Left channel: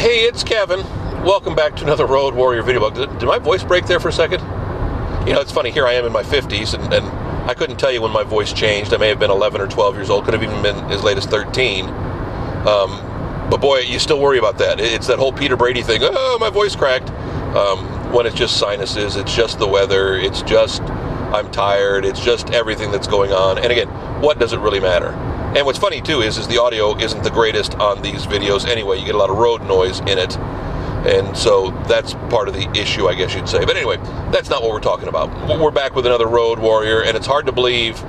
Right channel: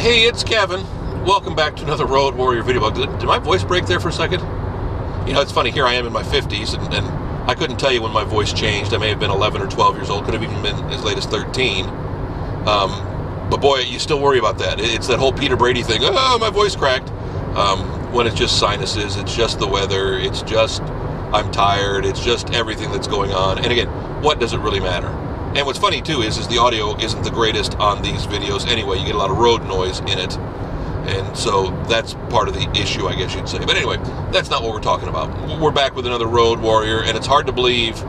Hey, it's Kevin. Welcome back to another Road Warrior video blog. Did my voice break there for a second? You know, it's funny. Here I am in my 50s, and I couldn't tell you when my voice changed. I may have been 11 or 12 years old. Could have even been as late as 13. But boy, you still worry about that. It's that whole Peter Brady thing. Oh, my voice cracked. When it's just sinuses, it's just the weather, it's just I'm tired, it's just everything that's going on. And again, what does it really matter? And what's funny too is the audio isn't the greatest on these videos anyway. You get a lot of road noise in it. And so that's part of the issue, I guess you'd say. But anyway, that's not what we're talking about. We're back with another Road Warrior, and it's hard to believe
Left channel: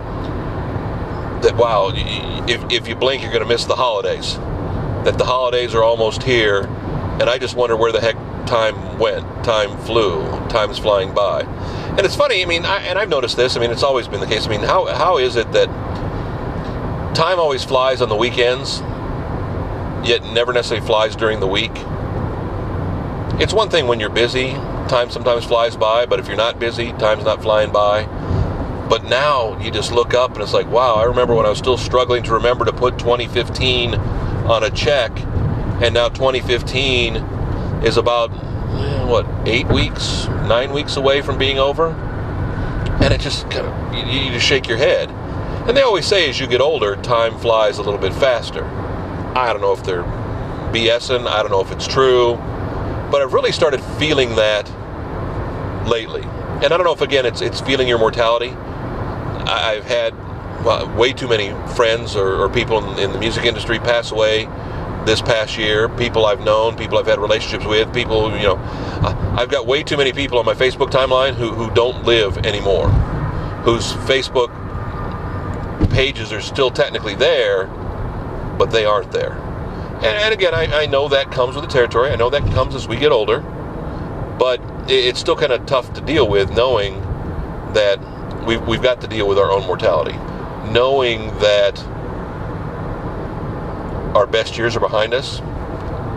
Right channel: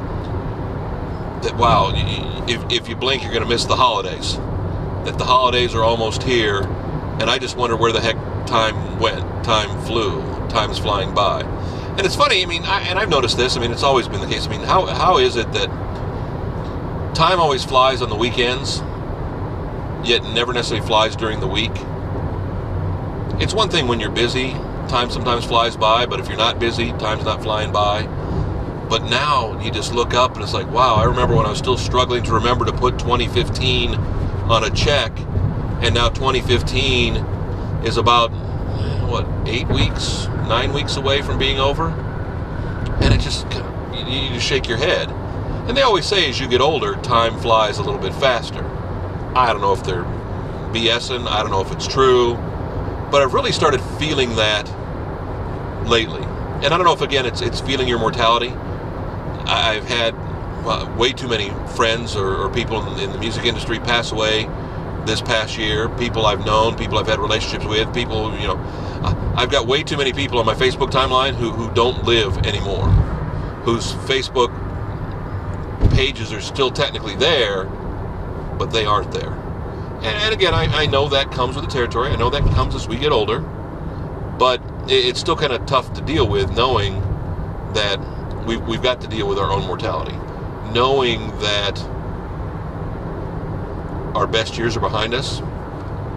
that, wow, if you blink, you're going to miss the holidays. That the holidays are almost here, and I just wonder where the heck time went. Time flew. Time's flying by. And it's funny, I mean, I've noticed this. I mean, it's always been the case. I mean, how is it that time always flies on the weekends, yet never necessarily flies during the week? It's one thing when you're busy, time sometimes flies by, but if you're not busy, time's not flying by. But now you just look up and it's like, wow, I remember when I was still struggling to remember to put 2015 on a check, and now 2015 is about, 9 weeks away from being over? And it just kind of, you just shake your head. And they always say as you get older, time flies a little bit faster. I don't know if they're BSing, I don't know if it's true, but I've really started feeling that lately. And I don't know if, again, it's feeling your mortality. I've had way too many friends or people in the music industry pass away this past year. People I've known, people I've had relationships with, people, I've got way too many people on my Facebook timeline who don't live anymore, whose Facebook pages are still technically there, but they aren't there. And again, I know that comes with the territory. I know that comes as we get older, but it's still kind of tough to deal with, knowing that we've got to deal with our own mortality, knowing that our best years are behind us.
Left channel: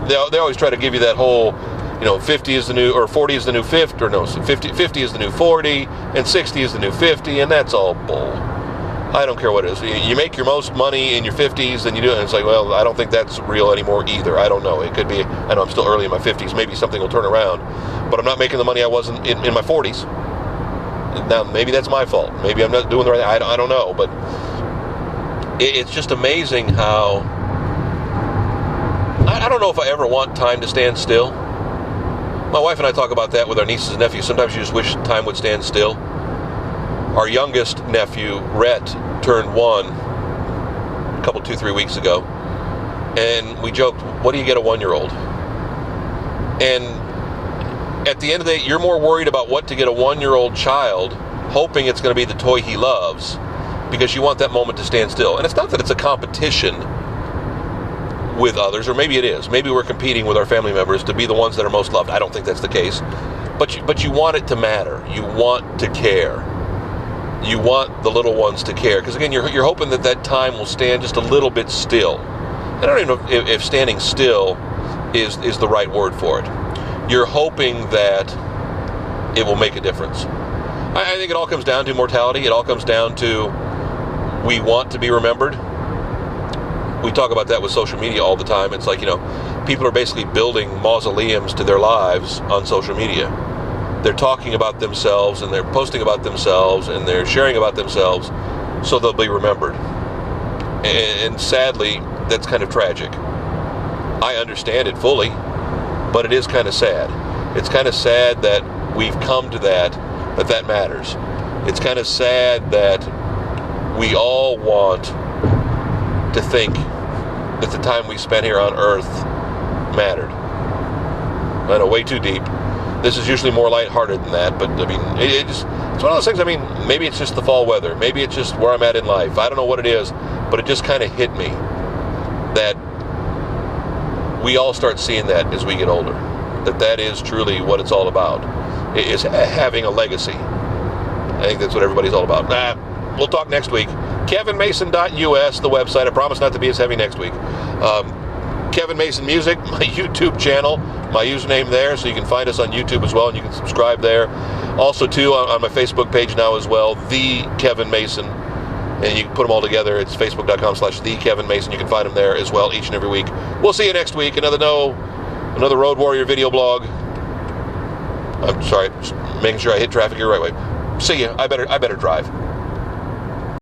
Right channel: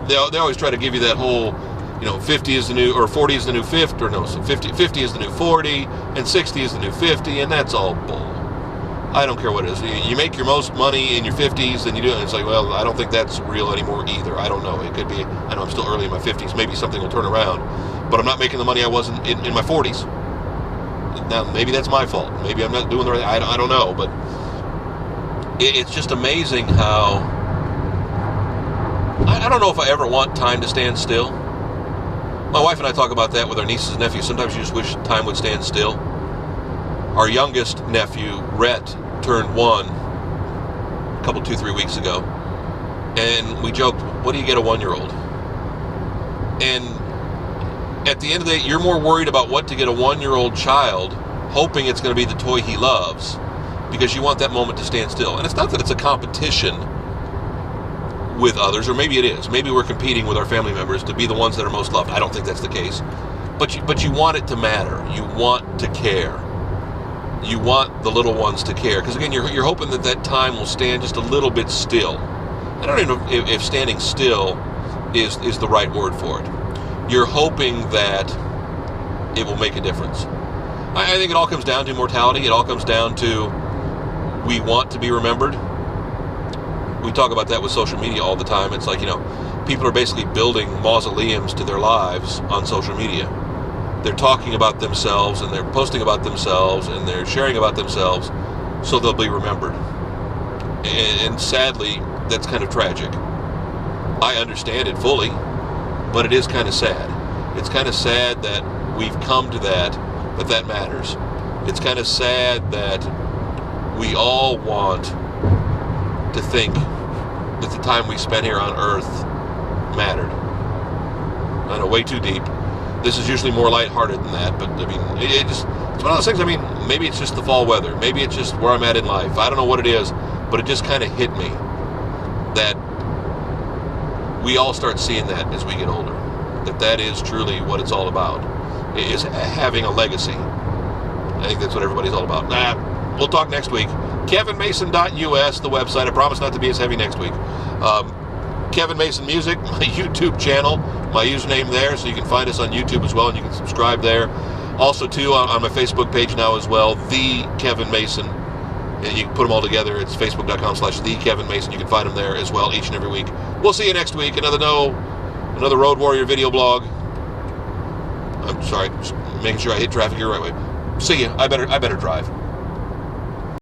They always try to give you that whole, 50 is the new, or 40 is the new 50, or no, so 50 is the new 40, and 60 is the new 50, and that's all bull. I don't care what it is. You make your most money in your 50s, and you do it, and it's like, well, I don't think that's real anymore either. I don't know. It could be, I know I'm still early in my 50s. Maybe something will turn around, but I'm not making the money I was in my 40s. Now, maybe that's my fault. Maybe I'm not doing the right thing. I don't know, but it's just amazing how, I don't know if I ever want time to stand still. My wife and I talk about that with our nieces and nephews. Sometimes you just wish time would stand still. Our youngest nephew, Rhett, turned 1 2-3 weeks ago, and we joked, what do you get a 1-year-old? And at the end of the day, you're more worried about what to get a 1-year-old child, hoping it's going to be the toy he loves, because you want that moment to stand still. And it's not that it's a competition with others, or maybe it is. Maybe we're competing with our family members to be the ones that are most loved. I don't think that's the case. But you want it to matter. You want to care. You want the little ones to care, because again, you're hoping that time will stand just a little bit still. I don't even know if standing still is the right word for it. You're hoping that it will make a difference. I think it all comes down to mortality. It all comes down to, we want to be remembered. We talk about that with social media all the time. It's like, people are basically building mausoleums to their lives on social media. They're talking about themselves, and they're posting about themselves, and they're sharing about themselves, so they'll be remembered. And sadly, that's kind of tragic. I understand it fully, but it is kind of sad. It's kind of sad that we've come to that matters. It's kind of sad that we all want to think that the time we spent here on Earth mattered. I know, way too deep. This is usually more lighthearted than that, but I mean, it's one of those things. I mean, maybe it's just the fall weather. Maybe it's just where I'm at in life. I don't know what it is, but it just kind of hit me that we all start seeing that as we get older. That is truly what it's all about, is having a legacy. I think that's what everybody's all about. We'll talk next week. KevinMason.us, the website. I promise not to be as heavy next week. Kevin Mason Music, my YouTube channel, my username there, so you can find us on YouTube as well, and you can subscribe there. Also, too, on my Facebook page now as well, The Kevin Mason, and you can put them all together. It's facebook.com/The Kevin Mason. You can find them there as well each and every week. We'll see you next week. Another Another Road Warrior video blog. I'm sorry, just making sure I hit traffic here the right way. See ya. I better drive.